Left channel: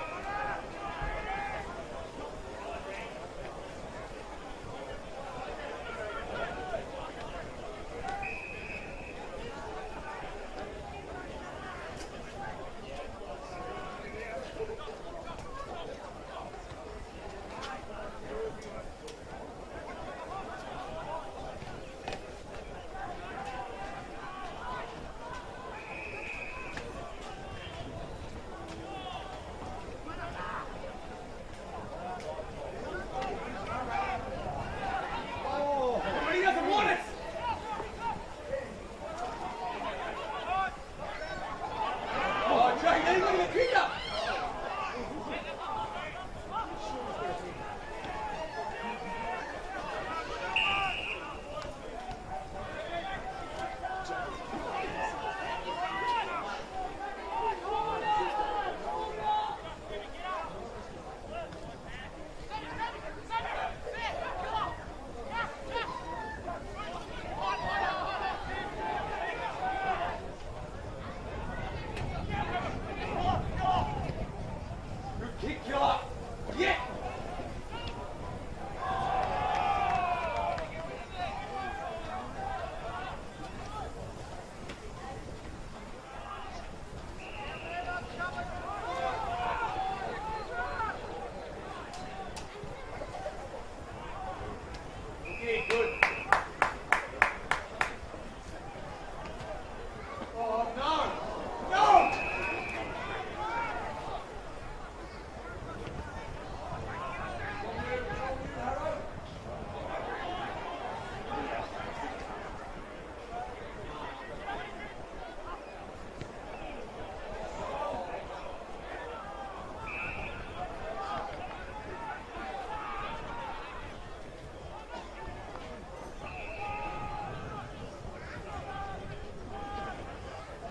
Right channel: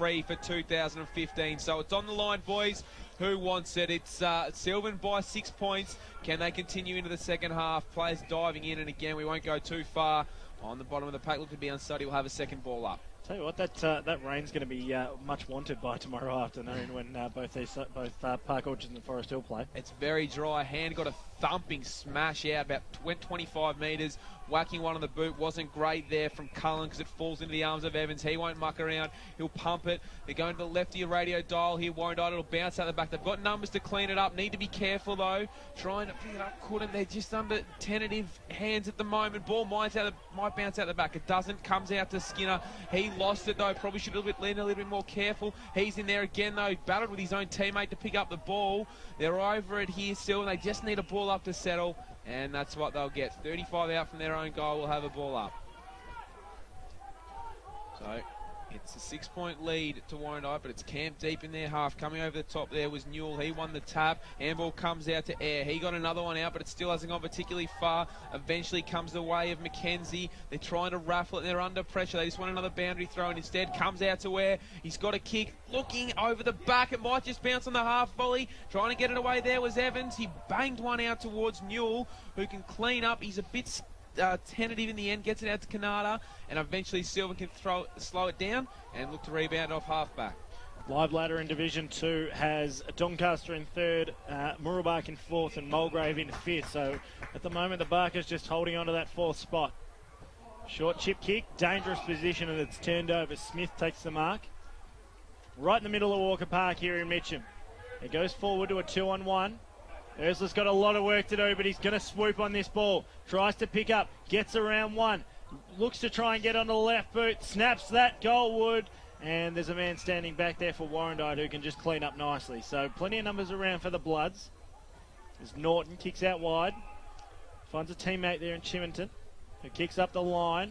Q3 for 2015. So it's on the line, boys. Who wants it? It's Silvan by 6 points. Can they continue into the second half? Players diving in, and again, we won't go too far. On the bottom of the pack, looking to be unsteady, we'll have a second ball up. Tell you what, that rain's going to be much wanted by tomorrow afternoon when both Park Orchard and Forest Hill play. It's very dry. Hand got a thumping smash out, about 25 metres. Whacking one on the boot wasn't great there from Cullen because it falls into the arms of Evans. He won't muck around. He'll pump it. They're going to the left of your radio dial. He won't. It'll bounce out the back. They've got numbers to clean it up. Need to be careful though. They're just under tentative hands at the moment. Ball might bounce out the back. It doesn't. Comes out to Skinner. He lost it though. Probably should have been a little bit more careful. He's in there again though. Battled with his own teammate to pick up the ball. They're over it here still. They just need a ball up to settle. And that's what they'll get. 35 out from their own goal. Will have a ball up. It's a 6-point lead to Warrandyte, but it's camped deep in their half. Coming over the top there was Newell. He won the tap. Handball comes out to Air. He got another one out, but it still hasn't gone particularly far. Eventually comes the way of Mackenzie. They're trying to raffle it. They're under pressure. They just want another boundary throw, and instead comes out to Air. He's got a kick. Looking over the back. It might just bounce on the half volley. Trying to get it away there was Evans. He banged one out towards Newell, who can clean up. He's a bit tentative in the end, gets it out to Canada, and eventually Silva can slow it down and look to rebound off half-back. Live ladder in Division 2 has Doncaster in third, Mooroolbark in fourth, and Mulgrave in fifth. So at the moment, the Barkers just holding on to that fourth spot. Short chip kick, dangerous position, and it's turned over. Smith takes the mark. Right in the middle of Walker Park here in Mitcham. He goes forward to a 2-on-1. Ursula's got a lot of work to do, but he's going to swoop on this ball. Tries to pick up, gets around one. Looks to try and get on the left boot, snaps that, Goldwood. And there's a man standing back there for Warrandyte who can just clean up nicely. So plenty of numbers around for the Bloods. As Norton kicks out wide. Finds a teammate there in Chiminton. He kicks up the line.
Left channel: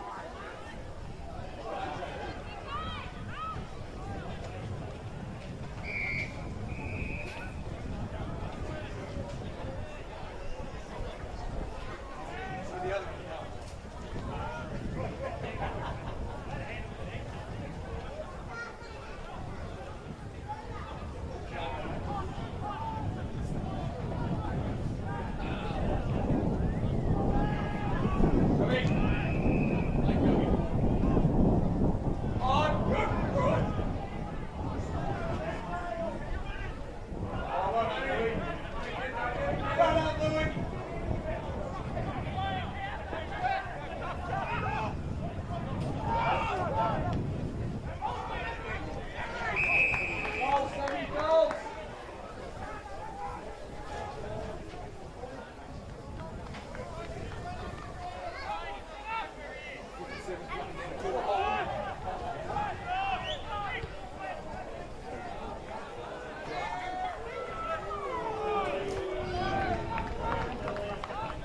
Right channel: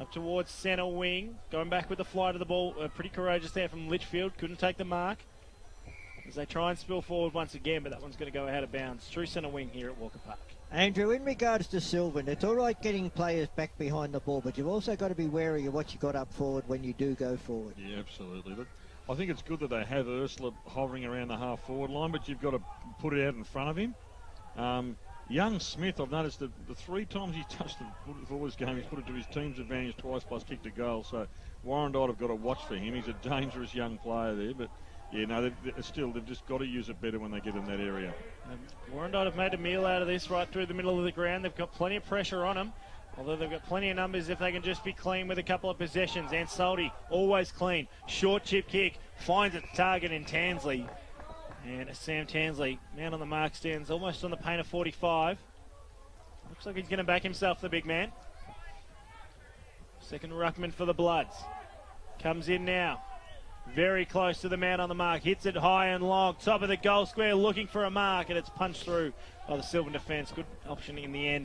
Up towards centre wing. Going back with the fly to the ball. Pretty courageous there from Litchfield. Couldn't take the mark. As they try and spill forward once again, but that one's going to go out of bounds. True centre wing here at Wolf. Andrew, in regards to Silvan, it's all right getting players back behind the ball, but you've also got to be wary of what you got up forward when you do go forward. Yeah, absolutely. I think it's good that they have Ursula hovering around the half-forward line, but you've got to put it out in front of him. Young Smith, I've noticed that 3 times he touched the ball. He's going to have his team's advantage twice he's kicked a goal. So Warrandyte have got to watch him. He's a dangerous young player there, but yeah, no, they've just got to use it better when they get in that area. Warrandyte have made a meal out of this right through the middle of the ground. They've got plenty of pressure on them. Although they've got plenty of numbers if they can just be clean with a couple of possessions. And Salty, always clean. Short chip kick, finds the target in Tansley. And Sam Tansley, down on the mark, stands almost on the paint of 45. Looks like he's going to back himself, the big man. Second ruckman for the Bloods. Comes in now. Very close to the man on the mark. Hits it high and long. Top of the goal square, looking for a mark, and it's punched through by the Silvan defence. Good option in the end.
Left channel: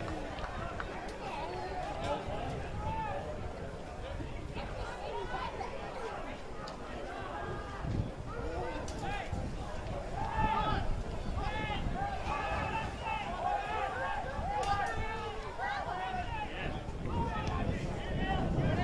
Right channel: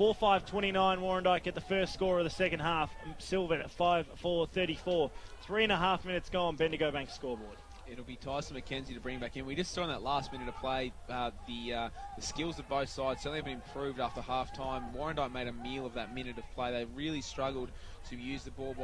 4-5-29 Warrandyte in the first score of the second half. Silvan at 5-4-34. 3.5 minutes gone. Bendigo Bank scored. It'll be Tyson Mackenzie to bring back in. We just saw in that last minute of play the skills in both sides certainly have improved after half time. Warrandyte made a meal of that minute of play. They really struggled to use the ball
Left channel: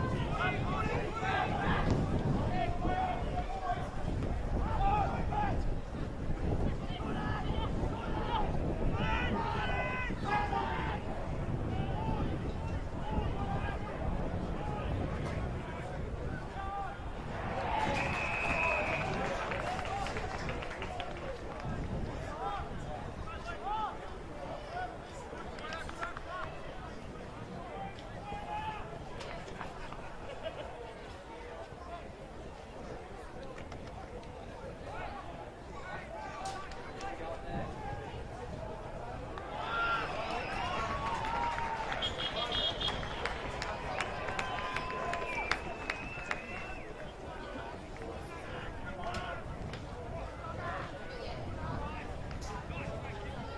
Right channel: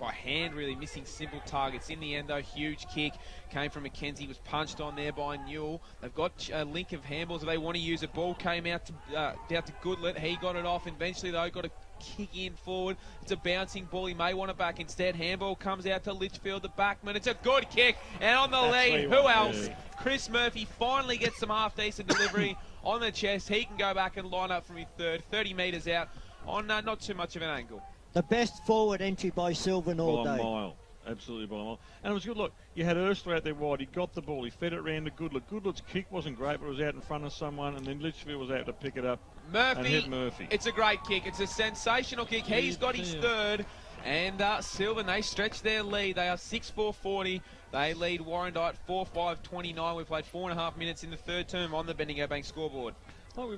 by hand, really missing simple targets. In the end though, huge kick came from Mackenzie, was punched on there by Newell. They've got Lincoln handballs if they want to use it. Ball came out to Goodlet. He got it off. Eventually though, got a kick in forward. It's a bouncing ball. He may want it back instead. Handball comes out to Litchfield, the backman. It's a good kick. And on the lead, who else? Chris Murphy finally gets some half-decent delivery on the chest. He can go back and line up from his third, 30 metres out on not too much of an angle. The best forward entry by Silvan all day. By a mile. Absolutely by a mile. And it was good. Look, you had Ursula out there wide. He got the ball. He fed it round to Goodlet. Goodlet's kick wasn't great, but it was out in front of someone, and then Litchfield was out to pick it up. Murphy, it's a great kick. It's a sensational kick. He's got his third. And Silvan, they stretch their lead. They are 6-4-40. They lead Warrandyte 4-5-29. We've played 4.5 minutes in the third term on the Bendigo Bank scoreboard. Well,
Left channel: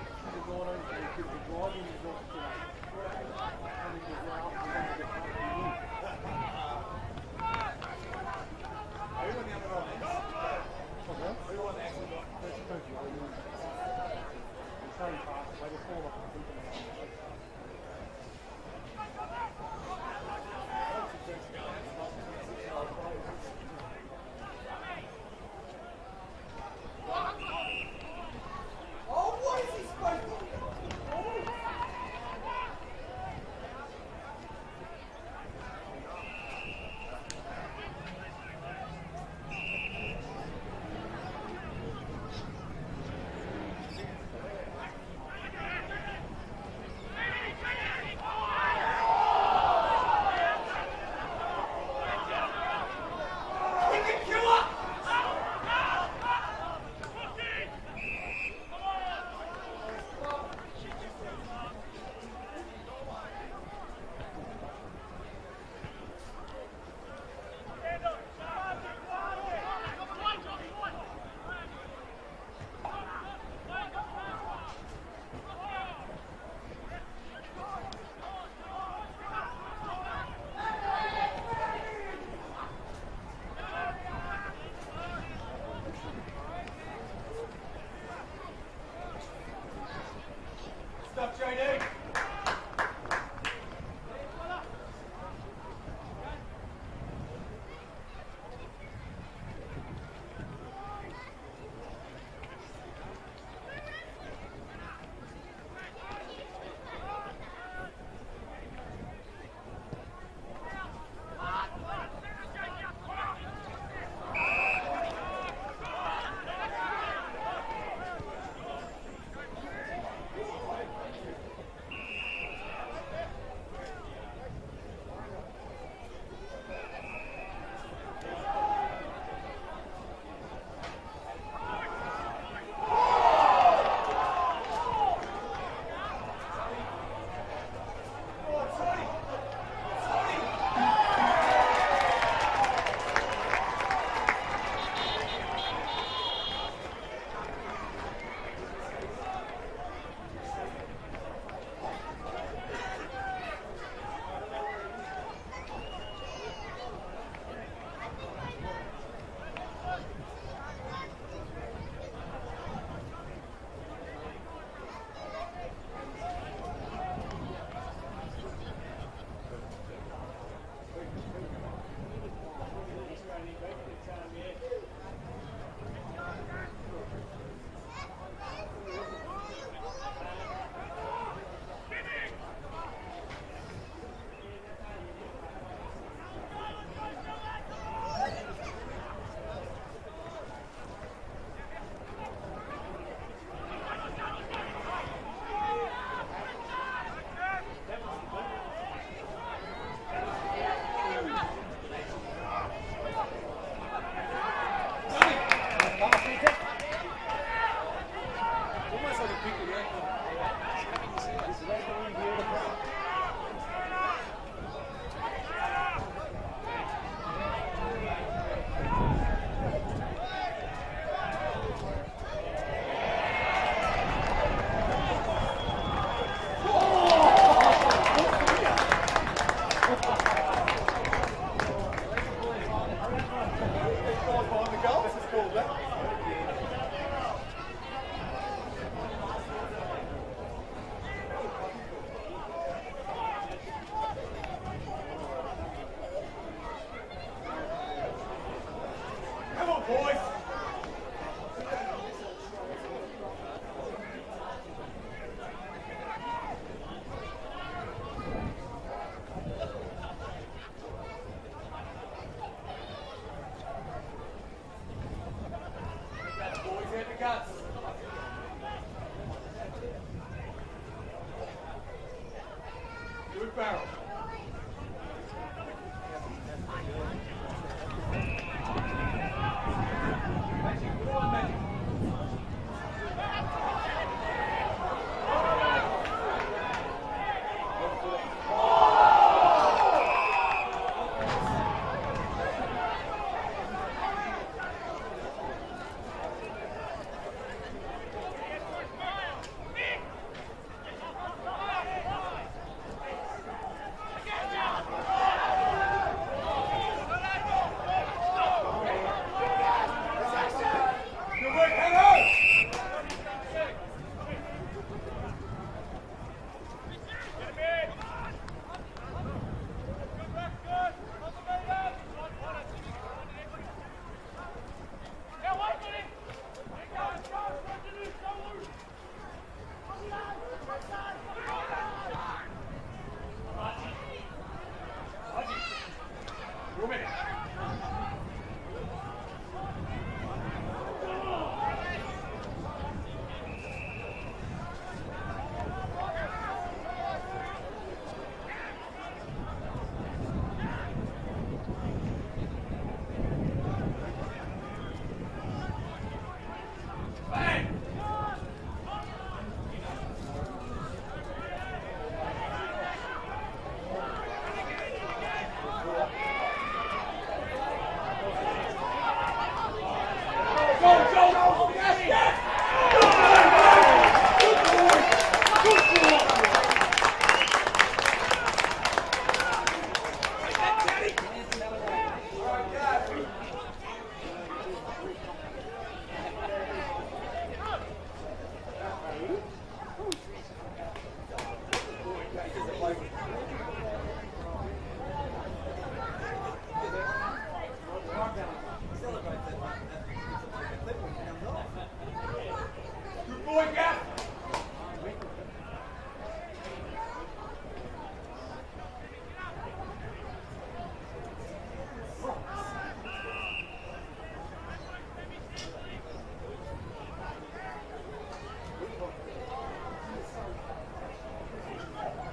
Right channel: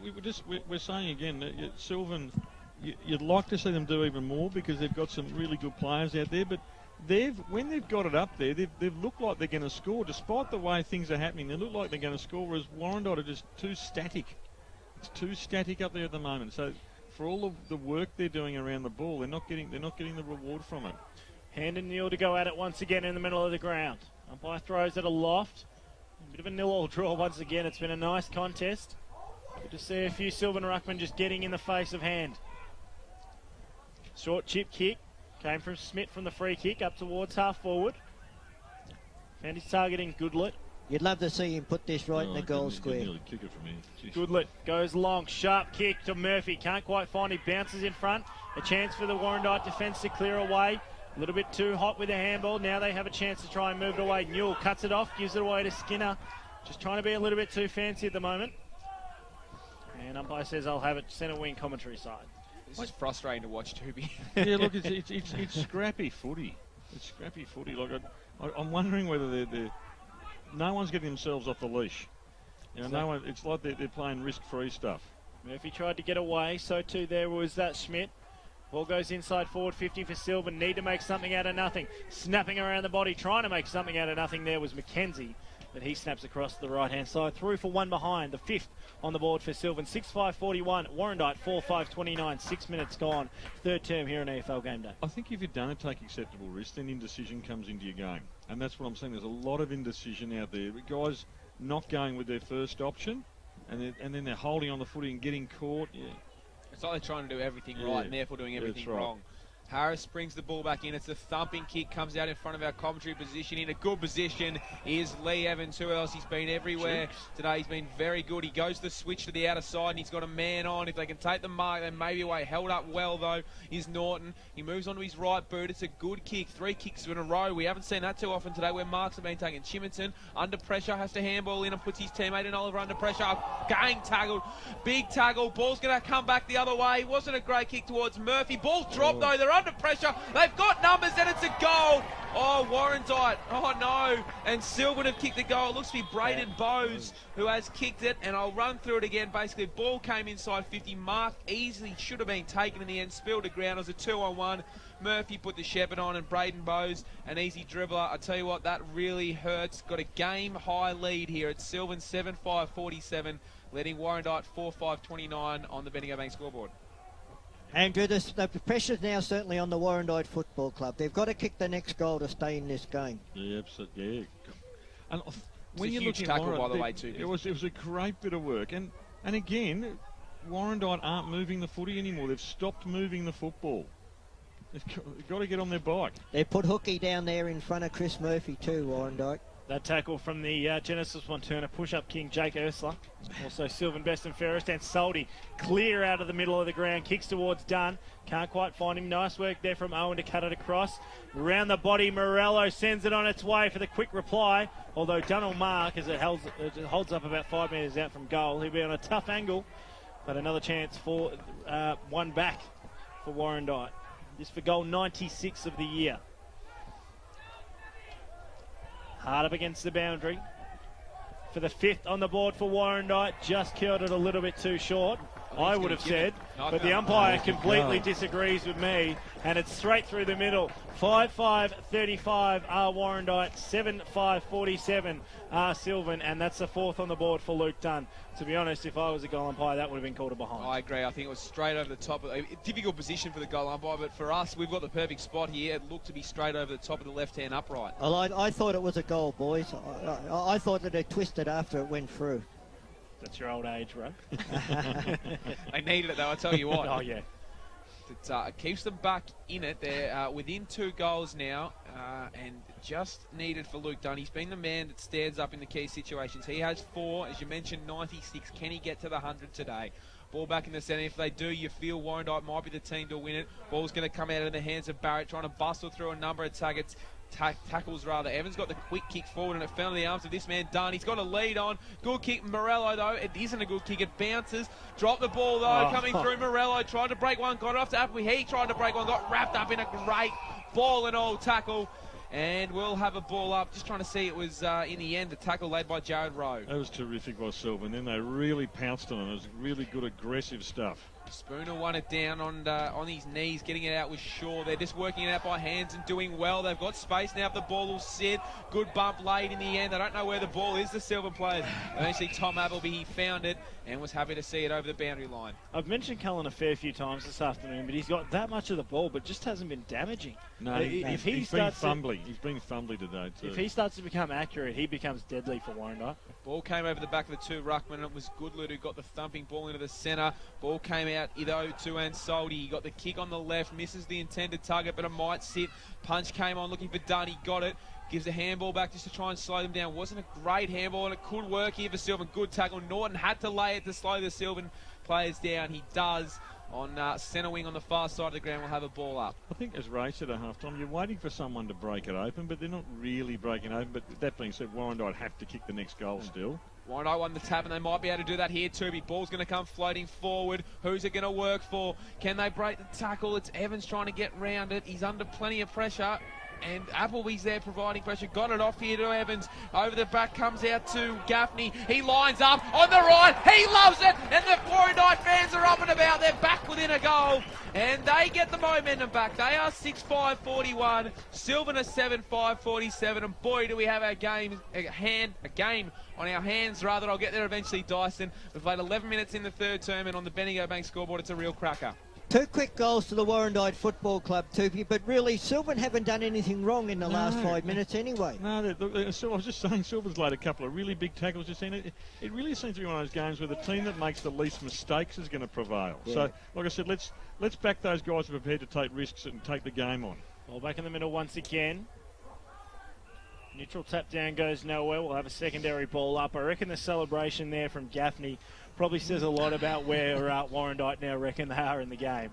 we're saying again that Silvan, you'd like to see them do even more because they've got some really good players out there, but when they've got it up there, they've looked like they're going to score. Despite the way things are happening, they look like they're going to score, whereas Warrandyte are just too static. It's too static up there at the moment. So for all of the work they're doing around the ball, they're not getting the reward from it. Hand and Neil to go at it once again in the middle of the ground. By throws at a loft. Bit of a nil-all draw once again. It's been a nice contest. We'll see a few Silvan ruckmen just getting in the face of Hand. Short chip kick. Came from Smith from the free kick up towards half forward. And he's targeting Goodlett. You'd love to see him put this right in the goal square. Goodlett goes long, sharp kick to Murphy. Can't quite find it, bounces in front. A chance for the Warrandyte defence to clear away. A little bit too hot with the handball. Now they have a chance to try and move it away. Newell cuts it off, gives it away to Skinner. Just trying to be a little bit too fancy at the moment. And umpire says I'll have it centre wing commentary side. It's frustrating to watch, Toby. Yeah, look, it's scrappy footy. It's scrappy footy. Like I'm wondering whether no one's getting themselves off the leash. You know, no one, it's like they're playing risk-free stuff. Murphy tried to get away, so too there was Schmidt. Ball goes inside forward 50 for Silvan. Need to make something out of nothing. Snapping around the body, trying to make something out of nothing there was McKenzie. And he snaps across the right-hand side. Through for one behind, the fifth on the board for Silvan. 6-5-41, Warrandyte 4-5-29, 6 minutes gone. Third term here in AFL Game Day. I think if you don't take acceptable risk, then indecision comes into your game. And that's what I'm saying. There's a lot of indecision out there. The guys not going with their first option, and then they're holding on the footy and getting caught. It's like they're trying to do everything right and therefore doing everything wrong. Harris brings the ball back in. It's a thumping kick, comes out in front of our commentary position. In a good position is Lee Evans, who else has been everywhere today. He's been very good. He goes to switch to the outer side and he's got a man on. If they can take the mark, they may be away. Held up well though is Norton. He moves onto his right boot. It's a good kick. 3 kicks in a row. We haven't seen that too often today where marks have been taken. Chiminson under pressure, has to handball in and puts his teammate in Oliver under pressure. Gang tackle. Big tackle. Ball's going to come back the other way. Wasn't a great kick towards Murphy. Ball dropped though. They're under pressure. They've got numbers and it's a goal. Oh, Warrandyte. Oh no. And Silvan have kicked the goal. It looks to be Braden Bowes who has kicked it, and I'll run through it again. Basically, ball came inside 50, marked easily, should have been taken in the end, spilled the ground as a 2-on-1. Murphy put the shepherd on, and Braden Bowes, an easy dribbler. I tell you what, that really hurts. Got a game-high lead here at Silvan, 7-5-47, leading Warrandyte 4-5-29 on the Bendigo Bank scoreboard. Andrew, the pressure's now certainly on the Warrandyte Football Club. They've got to kick the next goal to stay in this game. Yeah, absolutely. Yeah. And when you look at tackle, by the way, too. It was a great bit of work, and again, Warrandyte aren't moving the footy anymore. They've stopped moving the football. They've got to get on their bike. They put Hookie down there in front of Chris Murphy too, Warrandyte. That tackle from the Genesis Montana push-up king Jake Ursula. Also Silvan best and fairest, and Soldy clear out of the middle of the ground, kicks towards Dunn. Can't quite find him. Nice work there from Owen to cut it across. Around the body, Morello sends it on its way for the quick reply. Although Dunn will mark as it holds up about 5 metres out from goal. He'll be on a tough angle, but another chance for one back for Warrandyte. Just for goal 96 of the year. Hard up against the boundary. For the fifth on the board for Warrandyte, just killed it a little bit too short, I would have said, but the umpire completely disagrees with me, and it's straight through the middle. 5-5-35 are Warrandyte, 7-5-47 are Silvan, and that's the fourth on the board for Luke Dunn. To be honest, if I was a goal umpire, that would have been called a behind. I agree. I think it was straight over the top. A difficult position for the goal umpire, but for us, we've got the perfect spot here. It looked to be straight over the top of the left-hand upright. Well, I thought it was a goal, boys. I thought that they twisted after it went through. That's your old age, right? They needed it, though, I tell you what. Oh, yeah. It keeps them back in it. They're within 2 goals now, and just needed for Luke Dunn. He's been the man that stands up in the key situations. He has 4, as you mentioned, 96. Can he get to the 100 today? Ball back in the centre. If they do, you feel Warrandyte might be the team to win it. Ball's going to come out of the hands of Barrett, trying to bustle through a number of tackles rather. Evans got the quick kick forward, and it fell in the arms of this man, Dunn. He's got a lead on. Good kick, Morello, though. It isn't a good kick. It bounces. Dropped the ball, though, coming through Morello. Tried to break one, got it off to Apple. He tried to break one, got wrapped up in a great ball and all tackle. And we'll have a ball up. Just trying to see it was, in the end, the tackle laid by Jared Rowe. That was terrific by Silvan. Then they really pounced on it. It was really good, aggressive stuff. Spooner won it down on his knees, getting it out with Shaw. They're just working out by hands and doing well. They've got space now. The ball will sit. Good bump late in the end. I don't know where the ball is, the Silvan player. Actually, Tom Appleby, he found it and was happy to see it over the boundary line. I've mentioned Cullen a fair few times this afternoon, but he's got that much of the ball, but just hasn't been damaging. No, If he he's been starts fumbly. He's been fumbly today too. If he starts to become accurate, he becomes deadly for Warrandyte. Ball came over the back of the two ruckmen. It was Goodlett who got the thumping ball into the centre. Ball came out over to Ansaldi. He got the kick on the left, misses the intended target, but it might sit. Punch came on, looking for Dunn. He got it. Gives the handball back just to try and slow them down. Wasn't a great handball, and it could work here for Silvan. Good tackle. Norton had to lay it to slow the Silvan players down. He does. On centre wing on the far side of the ground, will have a ball up. I think there's race at a half time. You're waiting for someone to break it open, but they're not really breaking open. But that being said, Warrandyte have to kick the next goal still. Warrandyte want this happen. They might be able to do that here too. Ball's going to come floating forward. Who's it going to work for? Can they break the tackle? It's Evans trying to get round it. He's under plenty of pressure. And Appleby's there providing pressure. Got it off here to Evans. Over the back comes out to Gaffney. He lines up on the right. He loves it. And look, Warrandyte fans talking about it. Back in a goal. And they get the momentum back. They are 6-5-41. Silvan a 7-5-47. And boy, do we have our game on our hands, rather. I'll get there eventually, Dyson. We've played 11 minutes in the third term, and on the Bendigo Bank scoreboard, it's a real cracker. 2 quick goals to the Warrandyte Football Club, Toopy, but really, Silvan haven't done anything wrong in the last 5 minutes anyway. No, I was just saying, Silvan's laid a couple of really big tackles. You've seen it. It really seems to be one of those games where the team that makes the least mistakes is going to prevail. Yeah. So, like I said, let's back those guys who are prepared to take risks and take the game on. Well, back in the middle once again. Mitchell tap down goes nowhere. We'll have a secondary ball up. I reckon the celebration there from Gaffney probably says a lot about where Warrandyte now reckon they are in the game.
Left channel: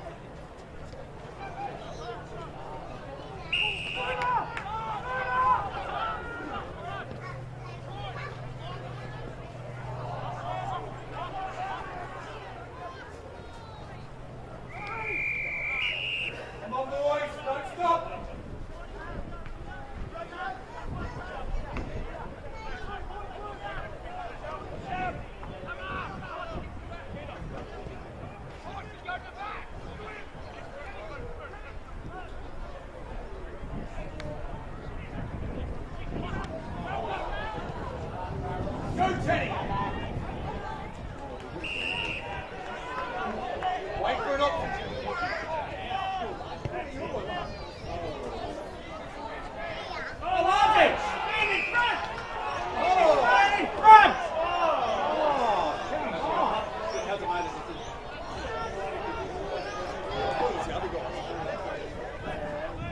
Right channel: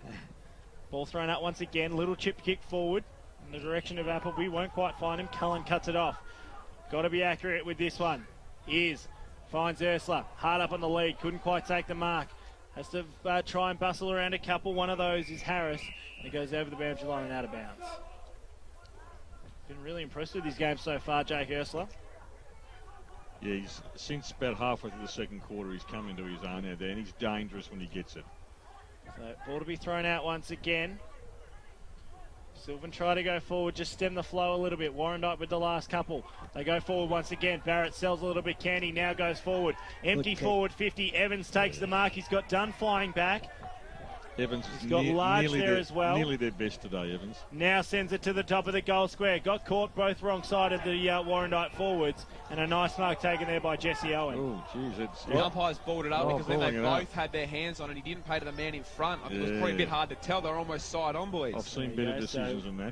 Ball thrown out once again. Little chip kick forward in the direction of Appleby. Won't quite find him. Cullen cuts it off. Got to be accurate with this one. Finds Ursula. Hard up on the lead. Couldn't quite take the mark. Has to try and bustle around a couple. One of those is Harris. He goes over the bounds, running out of bounds. Really impressed with his game so far, Jake Ursula. Yeah, since about halfway through the second quarter, he's coming to his own there, and he's dangerous when he gets it. Ball to be thrown out once again. Silvan try to go forward, just stem the flow a little bit. Warrandyte with the last couple. They go forward once again. Barrett sells a little bit. Candy now goes forward. Empty forward 50. Evans takes the mark. He's got Dunn flying back. He's got Large there as well. Nearly their best today, Evans. Now sends it to the top of the goal square. Got caught both wrong side of the Warrandyte forwards. And a nice goal taken there by Jesse Owen. Umpires balled it up, and they both had their hands on it. He didn't pay the man in front. It was probably a bit hard to tell. They're almost side onwards. I've seen better decisions than that.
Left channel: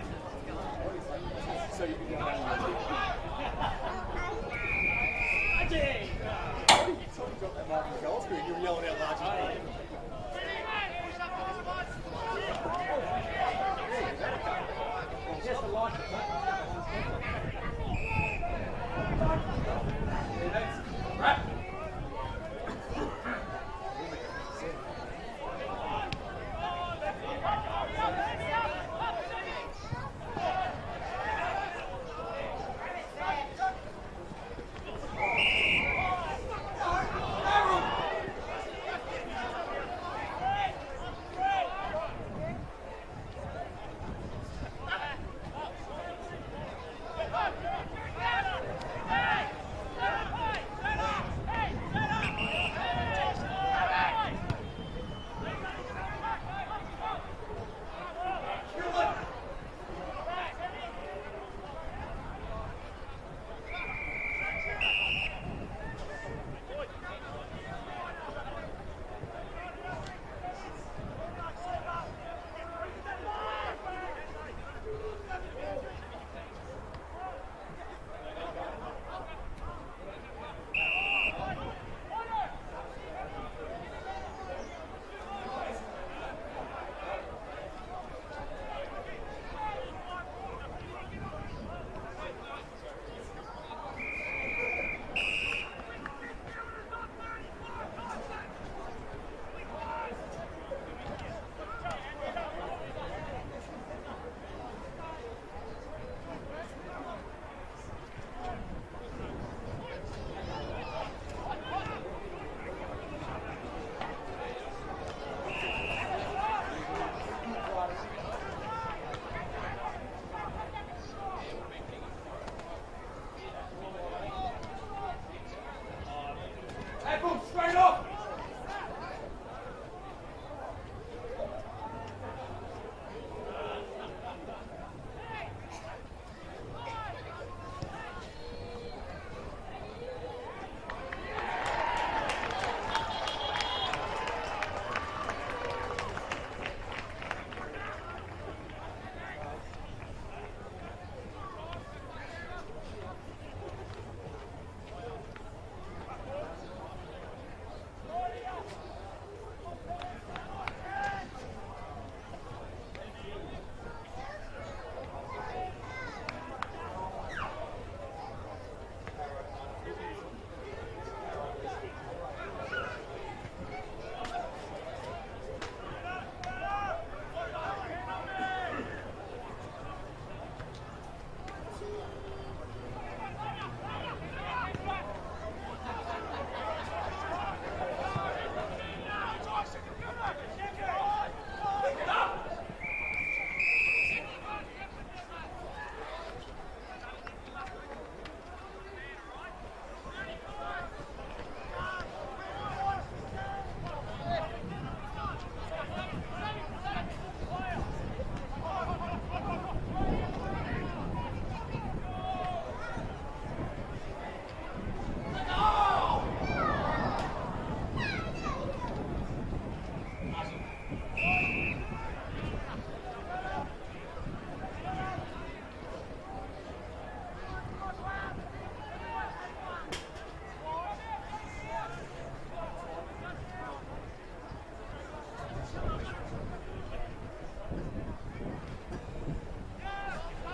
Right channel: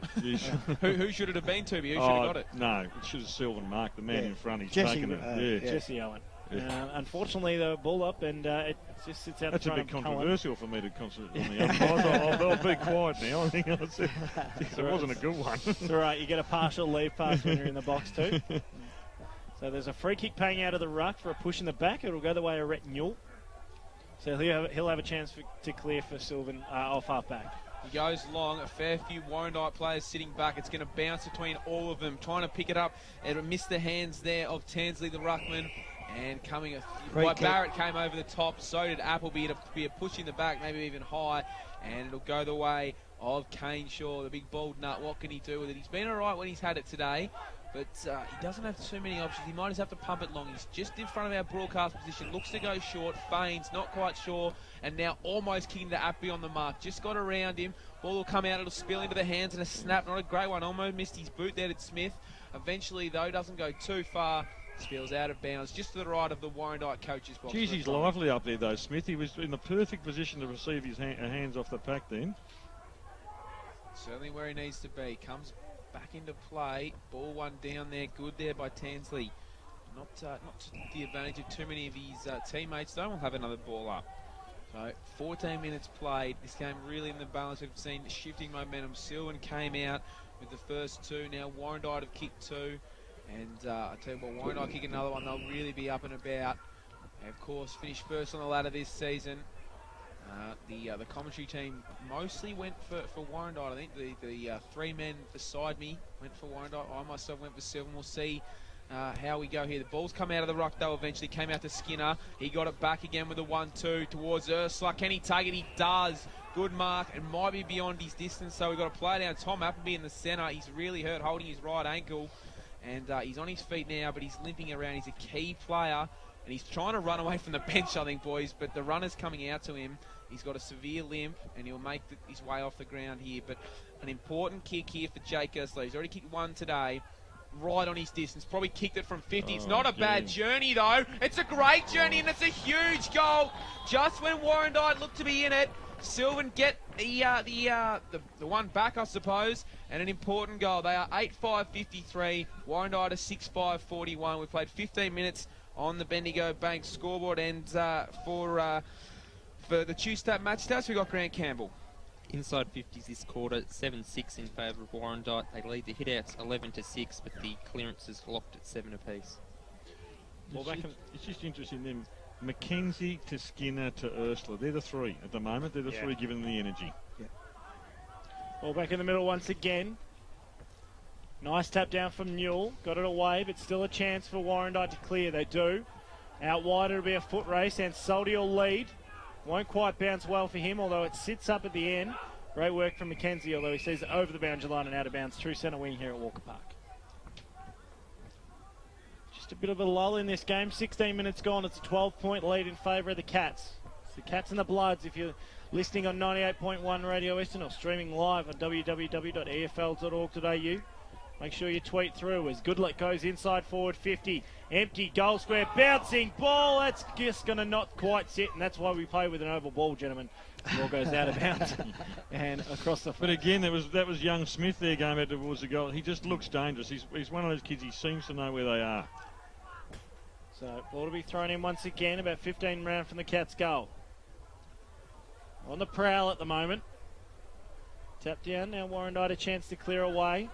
Who should it have been to? Who should have got it? No, you should have sealed the mark. The man in front is Jesse. taking it. Yeah. Jesse Owen. Unfortunately, the ball up and That's a bit controversial for me to concentrate on the umpires. I'll be quiet now. I think it wasn't a good one. That's all right, you get a partial lead pass when you're in the box too. So there's a free kick paying out of the ruck. They're pushing the back. It'll go the way of Rhett Newell. So he'll have a chance to clear for Silvan off half back. Goes long, a fair few Warrandyte players sitting back. It's going to bounce between all of them, trying to pick it up. It'll miss the hands there of Tansley, the ruckman. And coming, Barrett came over the top, so did Appleby to be pushing the back, maybe even high. And it'll go the way of Kane Shaw, the big bald nut. What can he do with it? He's been all right when he's had it today, but doesn't have too many options. He might just have to pump it long. It's just in front of our broadcast position. Looks to go short, feigns, not quite sure, and now almost kicking the Appleby on the mark. Just got around him. Ball will come out, it'll spill into the hands, and a snap, not a great one. Almost missed his boot there to Smith. Eventually, though, doesn't go too far. Spills out of bounds, just to the right of the Warrandyte coach's box. Geez, he's lively up there, though, Smith. He was in the perfect position to receive his hands off the pack there. Certainly where he needs to be. Comes back into play. Ball one down there. Good there by Tansley. Not the advantage of too many of his teammates, though. We'll have another ball up. 14 minutes played. This game really in the balance. We've seen shifting momentum. Silvan came out with the first two. Now Warrandyte have kicked two. And I tell you what, Warrandyte kick another one. They'll really be up and about. And of course, finished first on the ladder this season. The commentary team mostly went for Warrandyte. I think the three men beside me went for Warrandyte. I myself went for Silvan. We'll see how we go here. The ball's come out of the ruck though, eventually came out to Skinner. He got it back again with a 1-2 towards Ursula. Can he take it? He does. Good mark, and might be beyond his distance, so we've got to play down. Tom Appleby in the centre. He's really hurt holding his right ankle, and he's on his feet now, but he's limping around. He's a key player, and he's trying to run away from the bench, I think, boys, but the runner's coming out to him. He's got a severe limp, and he'll make his way off the ground here. But an important kick here for Jake Ursula. He's already kicked one today. Right on his distance, probably kicked it from 50. It's not a bad journey though. It's a great journey and it's a huge goal. Just when Warrandyte looked to be in it, Silvan get the one back, I suppose, and an important goal. They are 8-5-53. Warrandyte is 6-5-41. We played 15 minutes on the Bendigo Bank scoreboard, and for the Tuesday match stats, we got Grant Campbell. Inside 50s this quarter, 7-6 in favour of Warrandyte. They lead the hit-outs 11-6, but the clearances locked at 7 apiece. Well, it's just interesting when McKenzie to Skinner to Ursula, they're the three at the moment. They're the three giving the energy. Well, back in the middle once again. Nice tap down from Newell. Got it away, but still a chance for Warrandyte to clear. They do. Out wide, it'll be a foot race, and Soldy will lead. Won't quite bounce well for him, although it sits up at the end. Great work from McKenzie, although he sees it over the boundary line and out of bounds through centre wing here at Walker Park. Just a bit of a lull in this game. 16 minutes gone. It's a 12-point lead in favour of the Cats. The Cats and the Bloods, if you're listening on 98.1 Radio Western or streaming live at www.efl.org.au. Make sure you tweet through as Goodluck goes inside forward 50. Empty goal square, bouncing ball. That's just going to not quite sit, and that's why we play with an oval ball, gentlemen. Ball goes out of bounds and across the. But again, that was young Smith there going back towards the goal. He just looks dangerous. He's one of those kids. He seems to know where they are. So ball to be thrown in once again. About 15 round from the Cats' goal. On the prowl at the moment. Tap down now. Warrandyte a chance to clear away.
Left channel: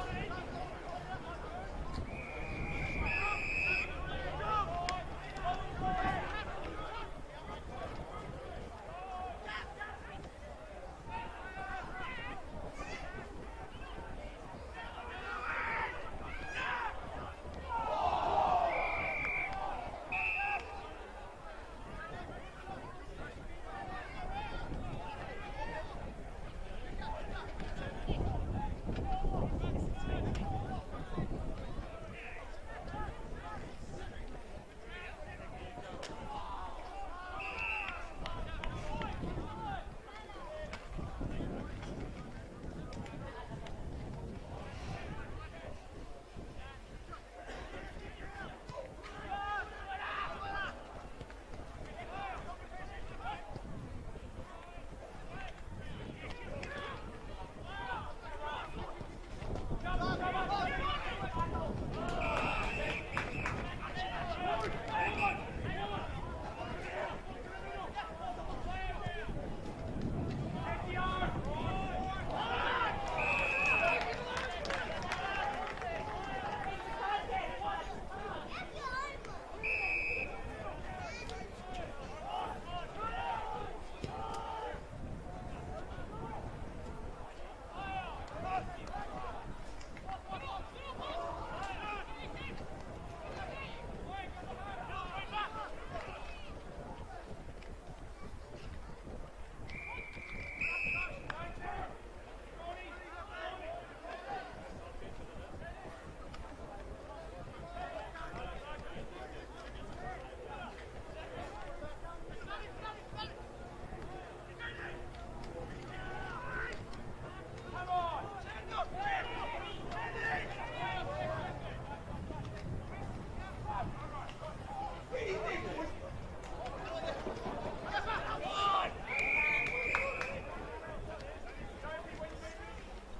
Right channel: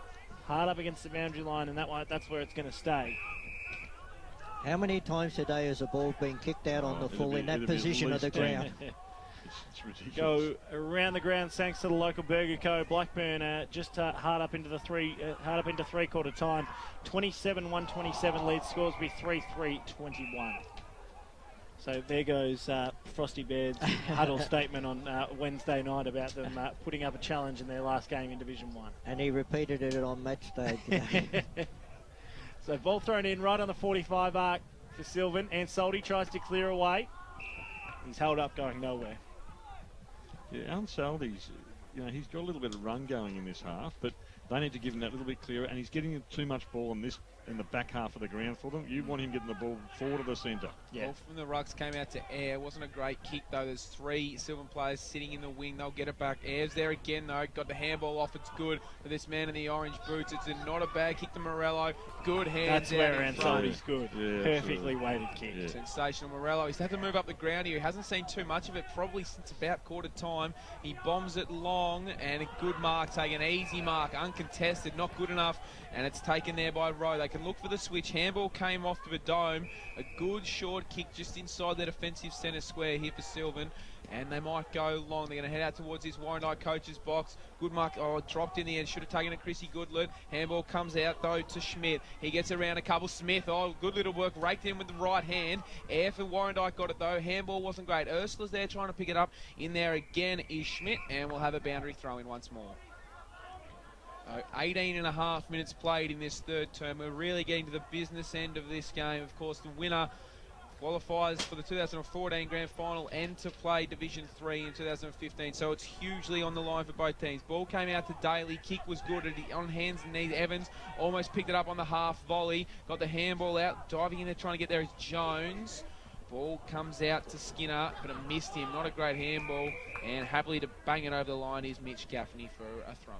Hard up against the boundary line, and that's where it's going to stay. How many times today has the ball been kicked out on the full in that position of the ground? Go around the ground thanks to the local Burger Co. Blackburn just hard up into three-quarter time. 27-1-27 lead, scores be 3-3-21. So there goes Frosty Bear's huddle statement on Wednesday night about them putting up a challenge in their last game in Division 1. And he repeated it on match day. So ball thrown in right on the 45 arc for Silvan, and Soldy tries to clear away. He's held up going nowhere. Yeah, Ansaldi's, he's got a little bit of run going in this half, but they need to give him that little bit clearer, and he's getting too much ball in the back half of the ground for them. You want him getting the ball forward of the centre. Yeah. Ball from the rucks came out to Air. Wasn't a great kick though. There's three Silvan players sitting in the wing. They'll get it back. Air's there again though. Got the handball off. It's good for this man in the orange boots. It's not a bad kick to Morello. Good hands. That's where Ansaldi's good. Yeah, perfectly weighted kick. Yeah. Sensational. Morello. He's had to move up the ground here. He hasn't seen too much of it. Probably since about quarter time. He bombs it long and a good mark. Taking an easy mark. Uncontested. Not good enough. And it's taken there by Rowe. They can look for the switch. Handball came off the dome. A good short kick just inside that offensive centre square here for Silvan. And they might go long. They're going to head out towards this Warrandyte coach's box. Good mark. Oh, dropped in the end. Should have taken it, Chrissy Goodlett. Handball comes out, though, to Schmidt. He gets around a couple. Smith, oh, good little work. Raked in with the right hand. Air for Warrandyte got it, though. Handball wasn't great. Ursula's there trying to pick it up. In there again is Schmidt. And we'll have a boundary throw in once more. 18 and a half minutes played in this third term. We're really getting to the business end of this game. Of course, the winner qualifies for the 2014 Grand Final and to play Division 3 in 2015. So it's hugely on the line for both teams. Ball came out to Daly. Kick was good on hands and knees. Evans almost picked it up on the half volley. Got the handball out. Diving in there trying to get there is Jones. Ball comes out to Skinner. Missed him. Not a great handball. And happily to bang it over the line is Mitch Gaffney for a throw.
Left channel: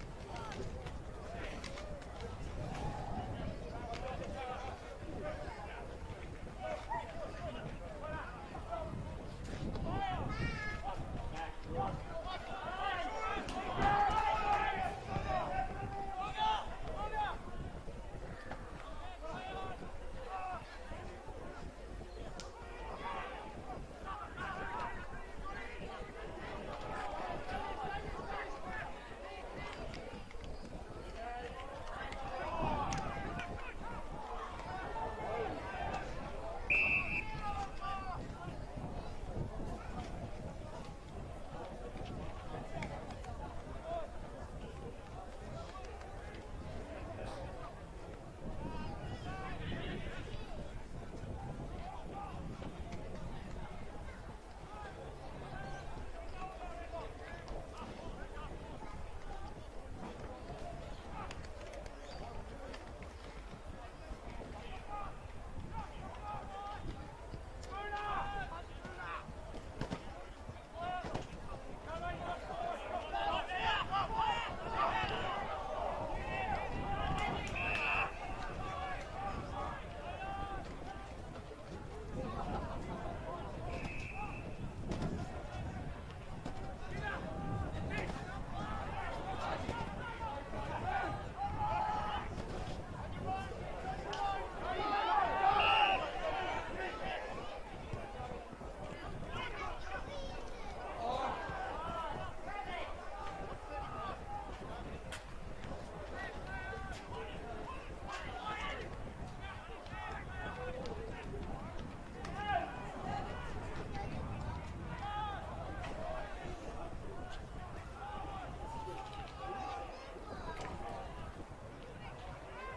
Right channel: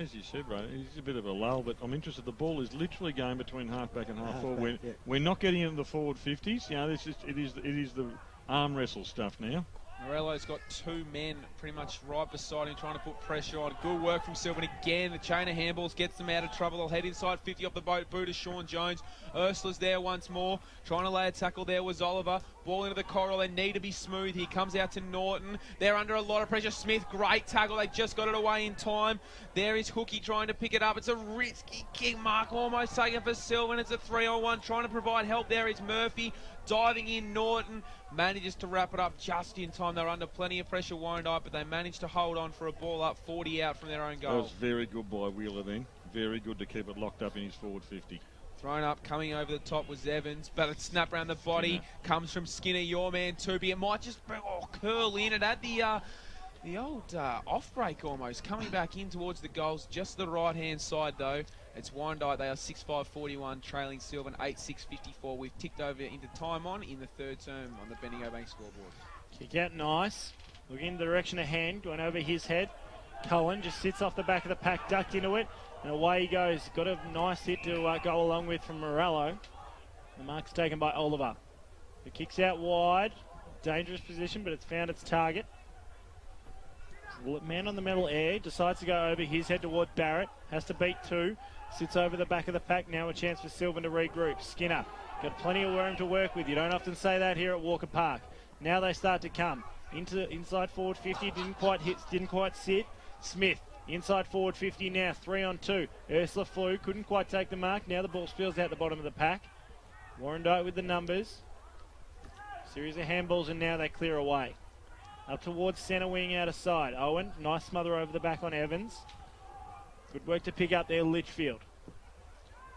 As you said, right, it's a bit of a lull, but I'm interested. The ball is literally going between half-back and half-forward. We're not getting into the forward 50s. It is the arm wrestle stuff now. Morello's got two men pretty much right beside him trying to put pressure on. Good work from Silvan again. The chain of handballs gets them out of trouble. They'll head inside 50 off the boot of Sean Jones. Ursula's there once more. Trying to lay a tackle there was Oliver. Ball into the corridor. They need to be smooth. He comes out to Norton. They're under a lot of pressure. Smith, great tackle. They just got it away in time. There is Cookie trying to pick it up. It's a risky kick. Mark almost taken for Silvan. It's a 3-on-1. Trying to provide help there is Murphy. Diving in Norton. Manages to wrap it up just in time. They're under plenty of pressure, Warrandyte, but they managed to hold on for a ball up 40 out from their own goal. That was very good by Wheeler then. very good to keep it locked up in his forward 50. Thrown up, coming over the top was Evans, but it snapped around the body. Comes from Skinner, your man, Tupi. It might just curl in. It had the old off-break almost, coming back in towards the goals, just the right-hand side though. It's Warrandyte, they are 6-5-41, trailing Silvan 8-6-54. We've ticked over into time on in the third term on the Bendigo Bank scoreboard. Kick out nice. Looking in the direction of hand, going over his head. Cohen just sits off the back of the pack, ducked into it, and away he goes. Got a nice hit to go along with from Morello. The mark's taken by Oliver. It kicks out wide. Dangerous position, but it's found its target. Man on the metal air, decides to go over his head towards Barrett, has to beat two, sits over the back of the pack, now a chance for Silvan to regroup. Skinner, got plenty of room to work with, you don't often say that here at Walker Park. Now they start to come, inside forward 50, didn't quite hit, didn't quite sit. Smith, inside forward 50 now, 3 on 2. Ursula flew, couldn't quite take the mark, now the ball spills out the bottom of the pack. Warrandyte with the numbers. Series of handballs and now they clear away. Up towards centre wing out of side. Owen, nice smother over the back on Evans. Good work to pick up there, Litchfield.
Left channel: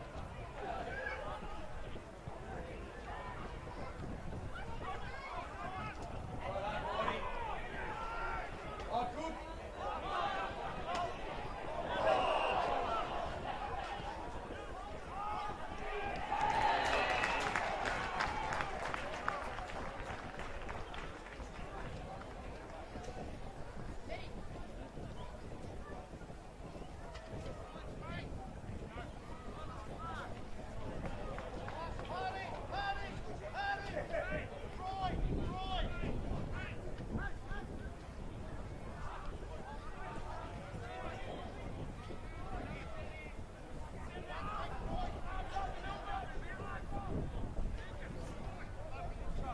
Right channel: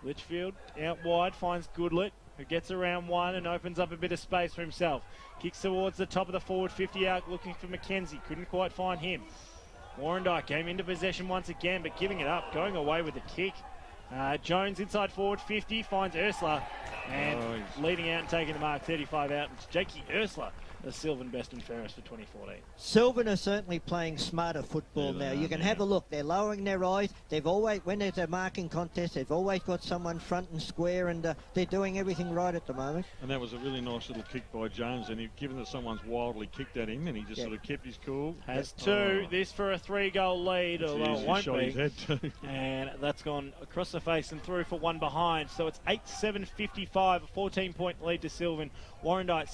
Litchfield out wide, finds Goodlett, who gets around one and opens up a bit of space for himself. Kicks towards the top of the forward 50 out, looking for McKenzie. Couldn't quite find him. Warrandyte came into possession once again, but giving it up, going away with the kick. Jones inside forward 50, finds Ursula, and leading out and taking the mark, 35 out. It's Jakey Ursula, the Silvan best and fairest for 2014. Silvan are certainly playing smarter football now. You can have a look. They're lowering their eyes. They've always, when there's a marking contest, they've always got someone front and square, and they're doing everything right at the moment. And that was a really nice little kick by Jones, and he'd given that someone's wildly kicked at him, and he just sort of kept his cool. Has two. This for a 3-goal lead, although it won't shot be. his head too. And that's gone across the face and through for one behind. So it's 8-7-55, a 14-point lead to Silvan. Warrandyte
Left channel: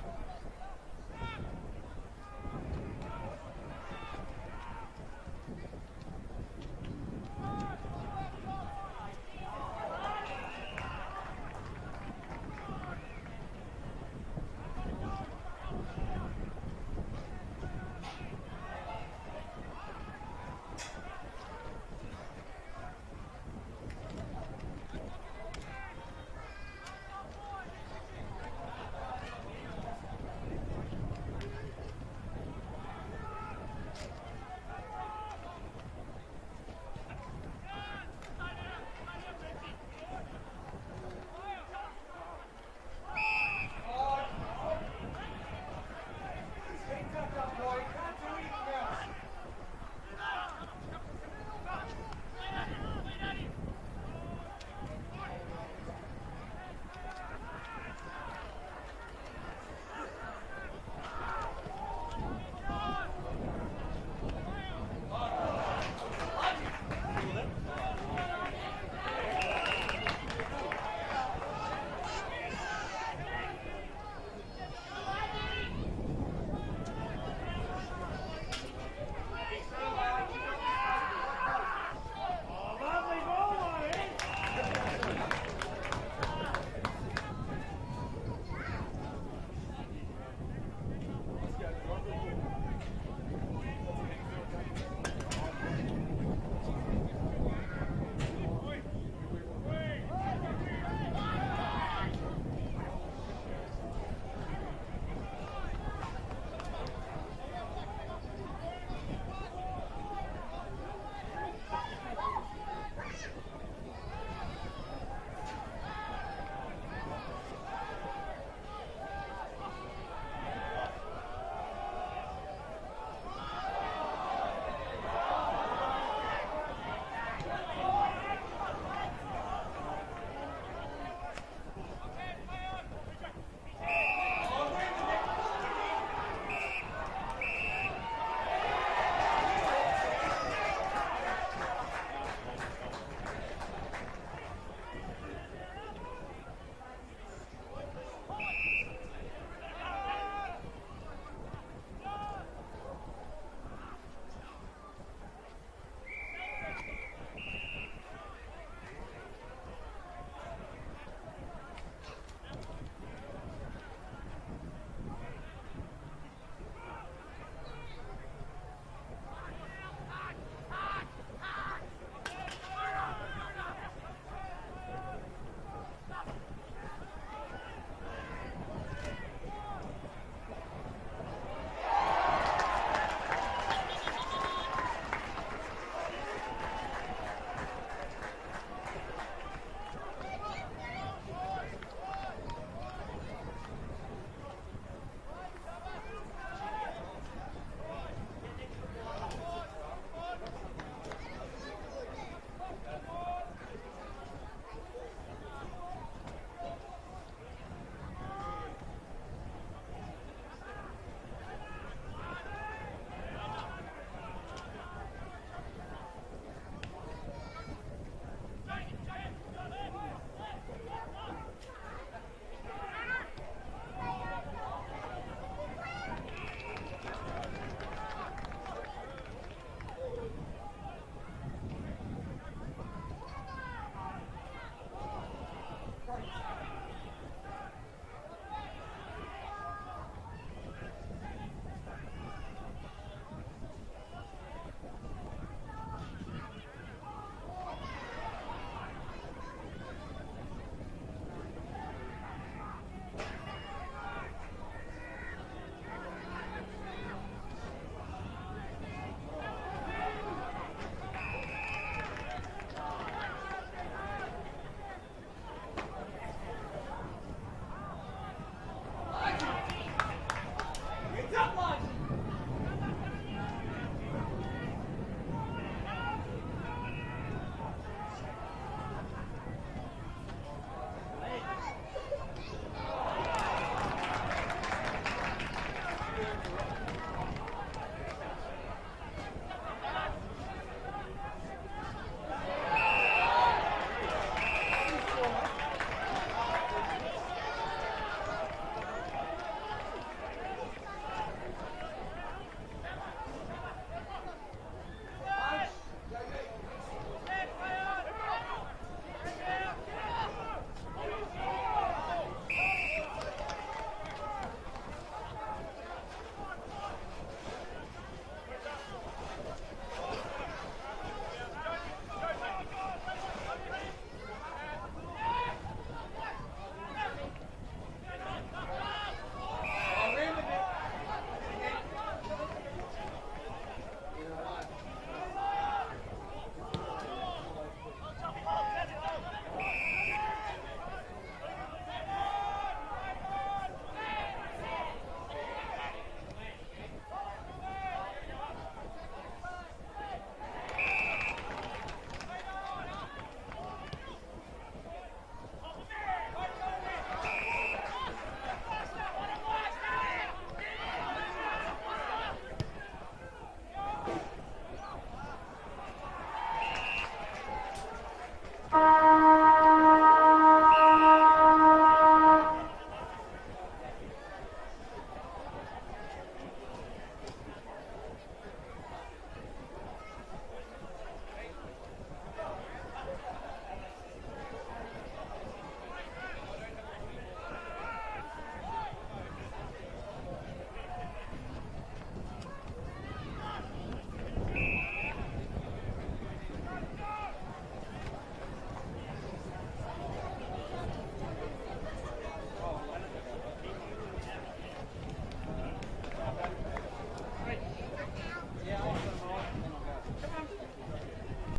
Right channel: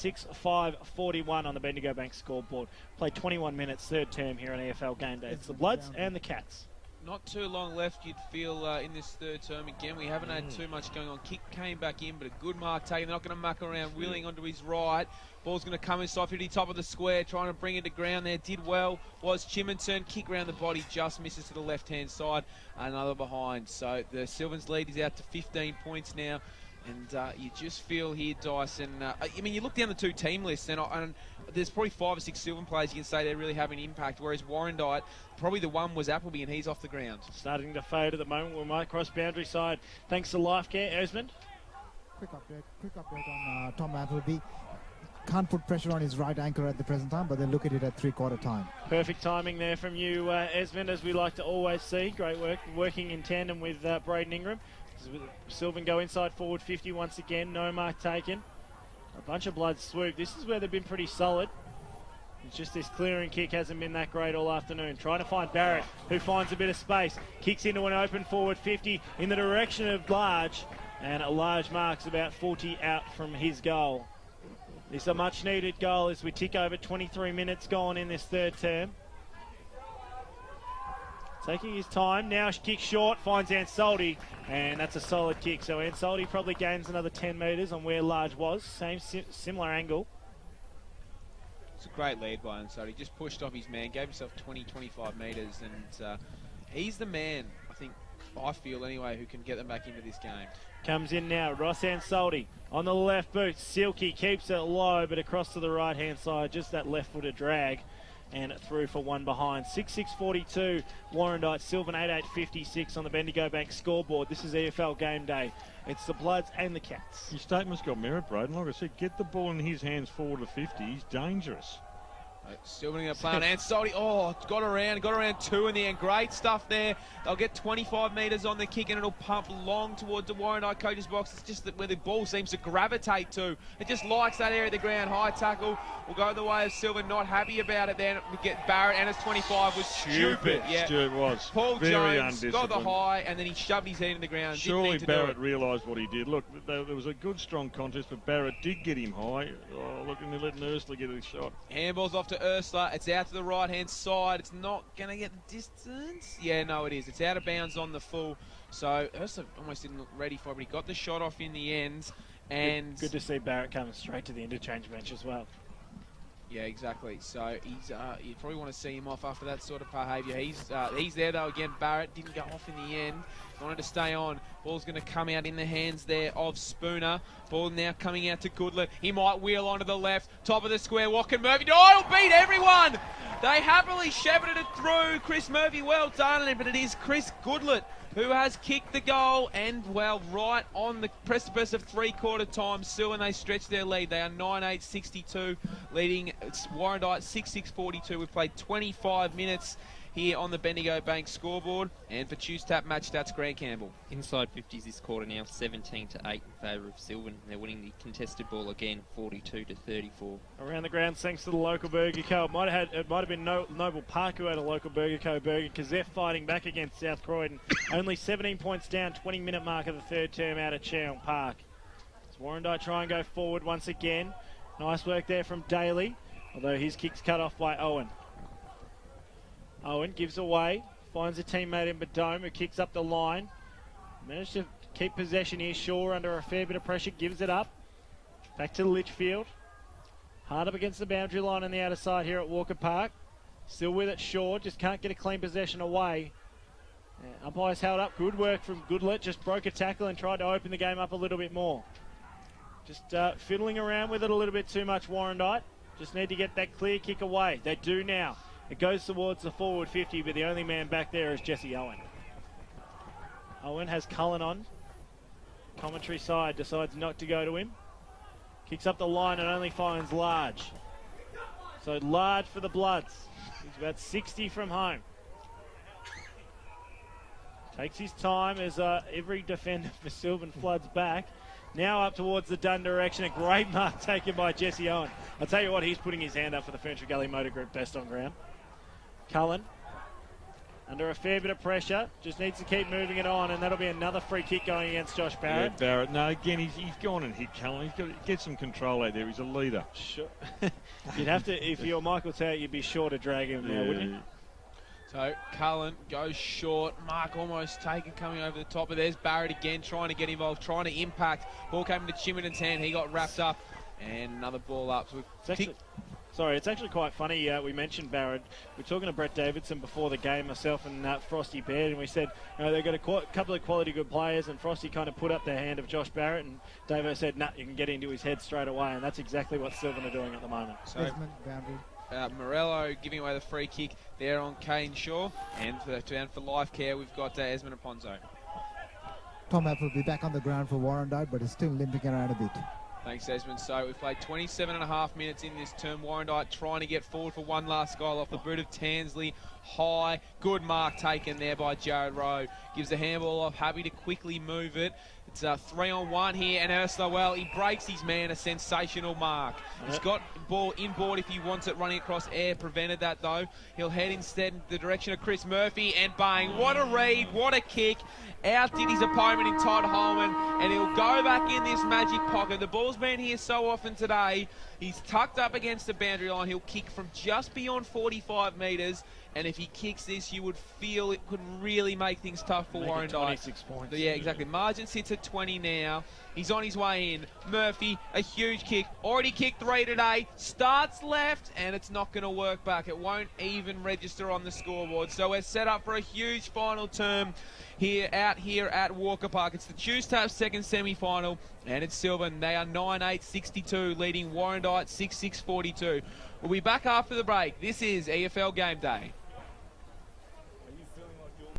6-5-41 on the Bendigo Bank scoreboard. Played 21 minutes, third term here on EFL Game Day. It's the Bloods and the Cats. Not too long left, you'd feel, in this third term. Again, we haven't had too much going on. Kick came back in, but a good mark taken. They're not going to muck around, wheeling onto his right. Ball's going to come inside 50, top of the square, trying to bring it to ground there. Did well, was Chiminton. Kick round the body, just misses to the left-hand side. Another behind. So the Silvan's lead is out to 15 points now. And you just feel here, Dyson, I mean, you look down the two team lists, and there's probably 5 or 6 Silvan players you can say they're really having an impact, whereas Warrandyte, probably the one was Appleby, and he's off the ground. Starting to fade at the moment. We might cross boundary side. Thanks to Life Care. Esmond? Pick up on Tom Appleby. Can't put pressure on his right anchor at the present time, but then look at it at three-quarter time. Perfect timing there from you, Esmond, as we like to always see. Great work working in tandem with Braden Ingram. Silvan go inside forward 50 once again, no mark taken. A bunch of blood swoop. This is where they've been pretty solid. It's just this clearing kick hasn't been that great all afternoon. Trying to find Barrett, who finds a bit of space. Kicks into an open forward 50 in the direction of Large. And a Large marks about 40 out from his goal. It's a much needed goal as we tick over 23 minutes gone in this third term. Taking his time, now kick short, finds Ansaldi, and that's a solid kick. So Ansaldi probably gains another 10 metres on where Large was, same similar angle. It's a great lead by Ansaldi, just pushed off his man, gave himself 20-25 metres, and he's the man, I feel anyway, who can get them back into this game. Comes in now, Ross Ansaldi on the left boot, Silky keeps it low, but across to the right-hand side, just that left-footed drag. And through for one behind. 6-6-42, Warrandyte, Silvan 8-8-56 on the Bendigo Bank scoreboard. This is EFL Game Day. It's the Bloods and the Cats. His statement's got merit, Braden. Like I said, get the ball in his hands forward to 50. He's dangerous. Silvan going to play on Ansaldi. Oh, got around two in the end. Great stuff there. They'll get 25 metres on the kick and it'll pump long towards the Warrandyte coach's box. It's just that where the ball seems to gravitate to. It just likes that area of the ground. High tackle. Will go the way of Silvan. Not happy about it then. We get Barrett and his 25 was stupid. Yeah. Stuart was. Paul very Jones got the high and then he shoved his head in the ground. Surely Barrett realised what he did. Look, there was a good strong contest, but Barrett did get him high. Oh, letting Ursula get a shot. Handball's off to Ursula. It's out to the right-hand side. It's not going to get distance. Yeah, no, it is. It's out of bounds on the full. So Ursula almost didn't look ready for it, but he got the shot off in the end. And good to see Barrett come straight to the interchange match as well. Yeah, exactly. So he's you probably want to see him off after that sort of behaviour. He's there though again. Barrett didn't go off in the end. trying to stay on. Ball's going to come out in the hands there of Spooner. Ball now coming out to Goodlet. He might wheel onto the left. Top of the square, what can Murphy do? Oh, he'll beat everyone! They happily shepherded it through. Chris Murphy, well done, but it is Chris Goodlet who has kicked the goal, and well, right on the precipice of three-quarter time, still, and they stretch their lead. They are 9-8-62, leading Warrandyte 6-6-42. We've played 25 minutes here on the Bendigo Bank scoreboard, and for Choose Tap Match Stats, Grant Campbell. Inside 50s this quarter now, 17-8 in favour of Silvan. They're winning the contested ball again, 42-34. Around the ground, thanks to the local Burger Co. It might have been Noble Park who had a local Burger Co. burger, because they're fighting back against South Croydon. Only 17 points down, 20-minute mark of the third term out of Cheong Park. As Warrandyte try and go forward once again. Nice work there from Daly, although his kick's cut off by Owen. Owen gives away, finds a teammate in Badome who kicks up the line. Managed to keep possession here. Shaw under a fair bit of pressure, gives it up. Back to Litchfield. Hard up against the boundary line on the outer side here at Walker Park. Still with it, Shaw, just can't get a clean possession away. Umpire's held up, good work from Goodlet, just broke a tackle and tried to open the game up a little bit more. Just fiddling around with it a little bit too much, Warrandyte. Just need to get that clear kick away. They do now. It goes towards the forward 50, but the only man back there is Jesse Owen. Owen has Cullen on. Commentary side decides not to go to him. Kicks up the line and only finds Large. So Large for the Bloods. He's about 60 from home. Takes his time as every defender for Silvan floods back. Now up towards the Dunn direction. A great mark taken by Jesse Owen. I tell you what, he's putting his hand up for the Furniture Gully Motor Group best on ground. Cullen under a fair bit of pressure, just needs to keep moving it on, and that'll be another free kick going against Josh Barrett. Yeah, Barrett. No, again, he's gone and hit Cullen. He's got to get some control out there. He's a leader. Sure. You'd have to, if you're Michael Tout, you'd be sure to drag him there, wouldn't you? So Cullen goes short. Mark almost taken, coming over the top. But there's Barrett again, trying to get involved, trying to impact. Ball came to Chiminen's hand. He got wrapped up, and another ball up. It's actually quite funny. We mentioned Barrett. We were talking to Brett Davidson before the game, myself and Frosty Baird, and we said they've got a couple of quality good players, and Frosty kind of put up the hand of Josh Barrett, and David said, nah, you can get into his head straight away, and that's exactly what Silvan are doing at the moment. So Morello giving away the free kick there on Kane Shaw, and for life care we've got Esmond Aponzo. Tom App will be back on the ground for Warrandyte, but is still limping around a bit. Thanks, Esmond. So we've played 27.5 minutes in this term. Warrandyte trying to get forward for one last goal off the boot of Tansley. High, good mark taken there by Jared Rowe. Gives the handball off, happy to quickly move it. It's a 3-on-1 here, and Ursula, well, he breaks his man, a sensational mark. He's got ball inboard if he wants it, running across air, prevented that though. He'll head instead in the direction of Chris Murphy, and bang, what a read, what a kick. Outdid his opponent in Todd Holman, and he'll go back in this magic pocket. The ball's been here so often today. He's tucked up against the boundary line. He'll kick from just beyond 45 metres, and if he kicks this, you would feel it could really make things tough for Warrandyte. 26 points. Yeah, exactly. Margin sits at 20 now. He's on his way in. Murphy, a huge kick. Already kicked 3 today. Starts left, and it's not going to work back. It won't even register on the scoreboard. So we're set up for a huge final term out here at Walker Park. It's the Choose Tap second semi-final, and it's Silvan. They are 9-8-62, leading Warrandyte 6-6-42. We'll be back after the break. This is EFL Game Day.